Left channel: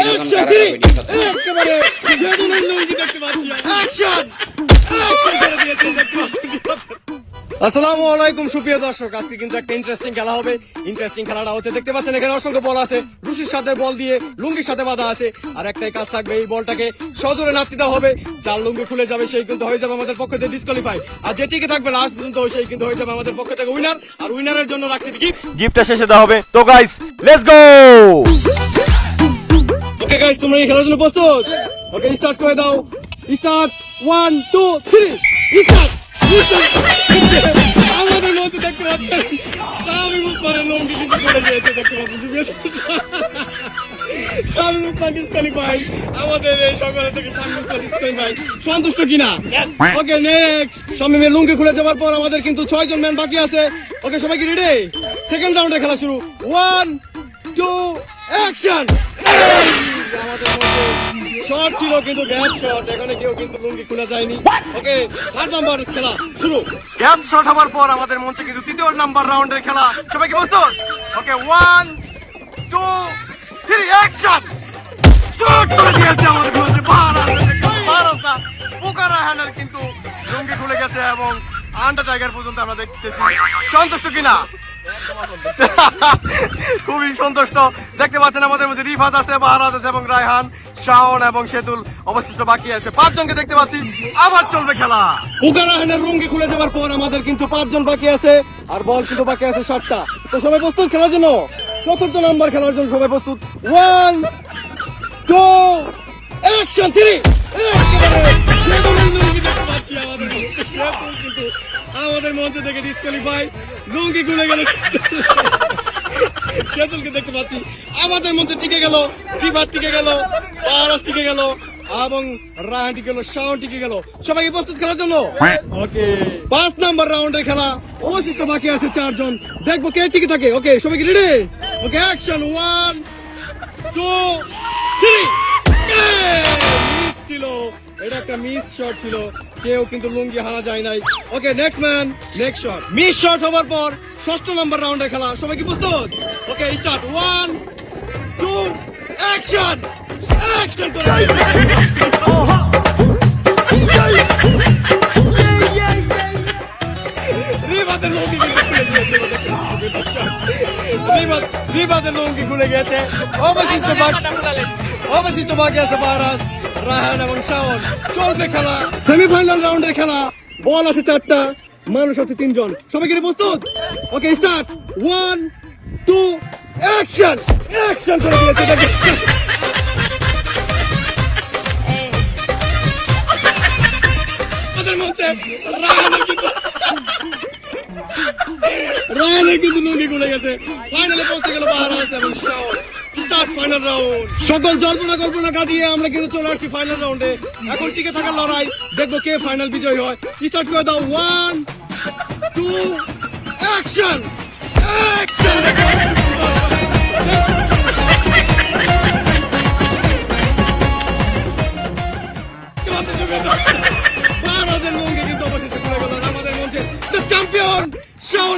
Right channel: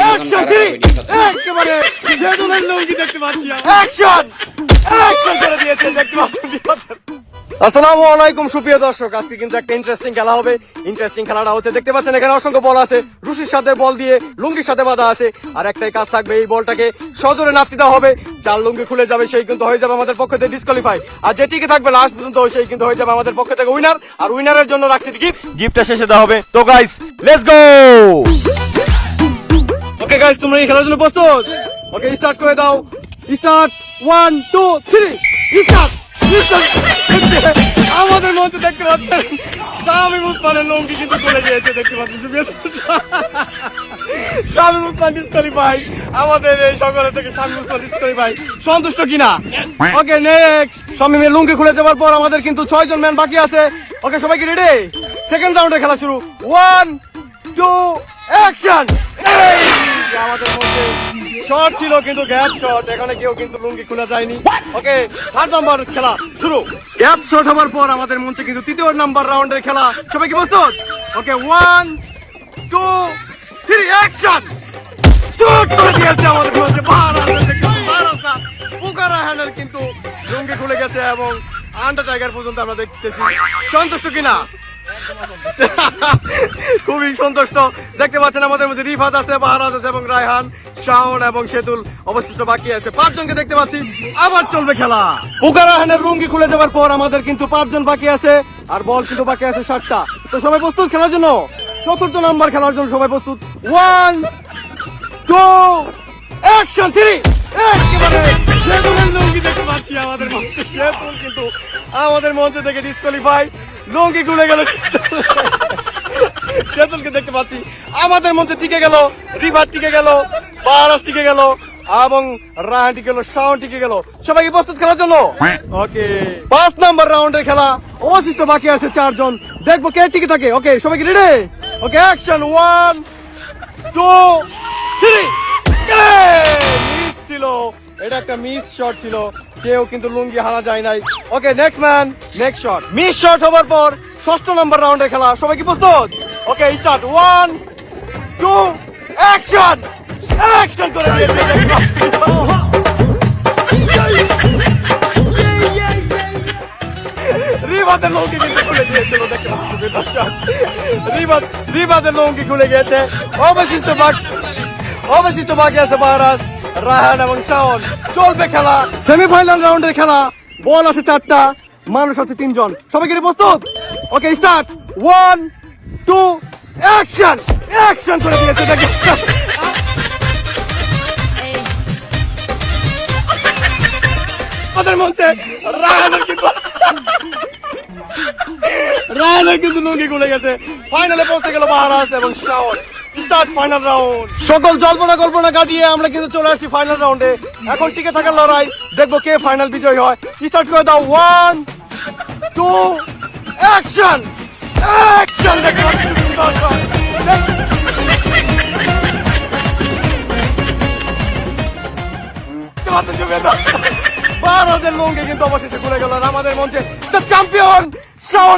Action একেবারে সেদুলের লুঙ্গি দেখতে পাচ্ছি অ্যাকশন করে দিয়েছে দেখতে পাচ্ছেন। আসসালামু আলাইকুম সুপ্রিয় দর্শক, আজকে কিন্তু একটা ইন্টারেস্টিং খেলা হবে। ইন্টারেস্টিং খেলাটা হচ্ছে দেখতে পাচ্ছেন এখানে অসংখ্য বল আছে, রুশির সাথে বল দিয়ে লুঙ্গির সাথে বাঁধা আছে। আর একটাই কাজ থাকবে, এই বলটাকে সজোরে নাড়তে দেওয়া হবে। যার লুঙ্গি খুলে যাবে সেই কিন্তু হয়ে যাবে আমাদের পক্ষ থেকে ডিসকোয়ালিফাই, আর যে টিকে থাকবে লাস্ট পর্যন্ত সেই কিন্তু হয়ে যাবে আমাদের পক্ষ থেকে উইনার। আর উইনারের জন্য রাখছি গিফটটা শেষে দেওয়া হবে। তো guys let's go. Okay guys, তোমরা এই খেলার জন্য প্রস্তুত? ওকে স্টার্ট করে দাও। Start 1 2 3 start. আমাদের মধ্যে দেখতে পাচ্ছেন শামীম উসমানের লুঙ্গি কিন্তু চলে গিয়েছে দেখতে পাচ্ছেন। শামীম উসমান ডিসকোয়ালিফাই, আমাদের এই সকলে থেকে শামীম উসমান ডিসকোয়ালিফাই। সন্তুষ্ট কিনা? Okay next. শামীমের লুঙ্গি খুলে যাওয়ার পর আমাদের কিন্তু 6 জন ম্যান বাকি আছে। ওকে সবাই কি রেডি? সেকেন্ড রাউন্ডের খেলা শুরু। 1 2 অ্যাকশন। আমাদের মধ্যে শট ছিল কিন্তু গ্যাপ শট, এখানে কেউ কিন্তু লুঙ্গি খোলা যায়নি। ওকে থার্ড নাম্বার খেলা শুরু। গ্যাপ শট হওয়ার পর আমাদের মঞ্চে কিন্তু তৃতীয় নাম্বার রাউন্ডের খেলা। সবাই কি প্রস্তুত? ওকে 1 2 3 অ্যাকশন। শুট করে দিয়েছে আমাদের মঞ্চে ভারতা পুকারা হ্যান্ডেল কিন্তু লুঙ্গি খুলে গেছে এবং আন্ডারটাইগার পর্যন্ত আমরা দেখতেছি। সন্তুষ্ট কিনা? খুবই সন্তুষ্ট। দেখতে পাচ্ছেন আমাদের মধ্যে রিফাত আছে, বাহারাত আছে এবং রায়হান, শাওন এবং সেতুল অবশিষ্ট বাকি আছে। 5 জনকে দেখতে পাচ্ছি। আবার চলবে খেলা। পুকারা হ্যান্ডেল লুঙ্গি খুলে যাওয়ার পর আমাদের কিন্তু 5 জন বাকি আছে, আর বল কিন্তু বাকি আছে 7টা। তো সবাই প্রস্তুত খেলার জন্য? চতুর্থ নাম্বার খেলার জন্য সবাই প্রস্তুত। 1 2 অ্যাকশন 3 একেবারে সেদুলের লুঙ্গি দেখতে পাচ্ছি আমাদের মঞ্চে। সেদুল কিন্তু আমাদের মঞ্চ থেকে ডিসকোয়ালিফাই, লুঙ্গি খুলে গেল। সেদুলকে দেখতে পাচ্ছি আমাদের মঞ্চে টিকে গেল, রিভার টিকে গেল, পারাস টিকে গেল এবং রাহান টিকে গেল, শাওন টিকে গেল। সবাই কি প্রস্তুত খেলার জন্য? ওকে 5 নাম্বার রাউন্ডের খেলা। অবশিষ্ট বাকি আছে 4 জন, দেখবো কে টিকে থাকে। ওকে সবাই কি রেডি? ওকে অ্যাকশন 1 2 3 মিস ছিল, এটা একটা মিস শট ছিল, কেউ কিন্তু লুঙ্গি হারা যায় নাই। Okay next man, next shot. Miss shot হবার পর 6ষ্ঠ নাম্বার রাউন্ডের খেলা। সবাই কি প্রস্তুত? Okay start 1 2 action. অ্যাকশন করে রিবাদের লুঙ্গি কিন্তু খুলে গিয়েছে। রিবাদের লুঙ্গি খুলে গিয়েছে। অবশিষ্ট বাকি আছে বাহারাস, রায়হান এবং শাওন। চলবে খেলা, সেমিফাইনাল রাউন্ডের খেলা। বল আছে 4টা, মানুষ আছে 3 জন। সবাই কি প্রস্তুত? Okay start 1 2 action. অ্যাকশন করে দিয়েছে। আমাদের মঞ্চে রায়হানের কিন্তু লুঙ্গি খুলে গেছে। ফাইনালে পৌঁছে গেল বাহারাস এবং শাওন। Start final round. সকল কল্পনা কাটিয়ে আমরা কিন্তু চলে আসছি ফাইনাল রাউন্ডে। এখন টিকে থাকার লড়াই, দেখবো কে ফাইনাল বিজয়ী হয়। স্টার্ট করে দাও 1 2 অ্যাকশন। অ্যাকশন। ভারতের লুঙ্গি কিন্তু অবশেষে খুলে গেল। আমাদের মঞ্চে দ্য চ্যাম্পিয়ন শাওন।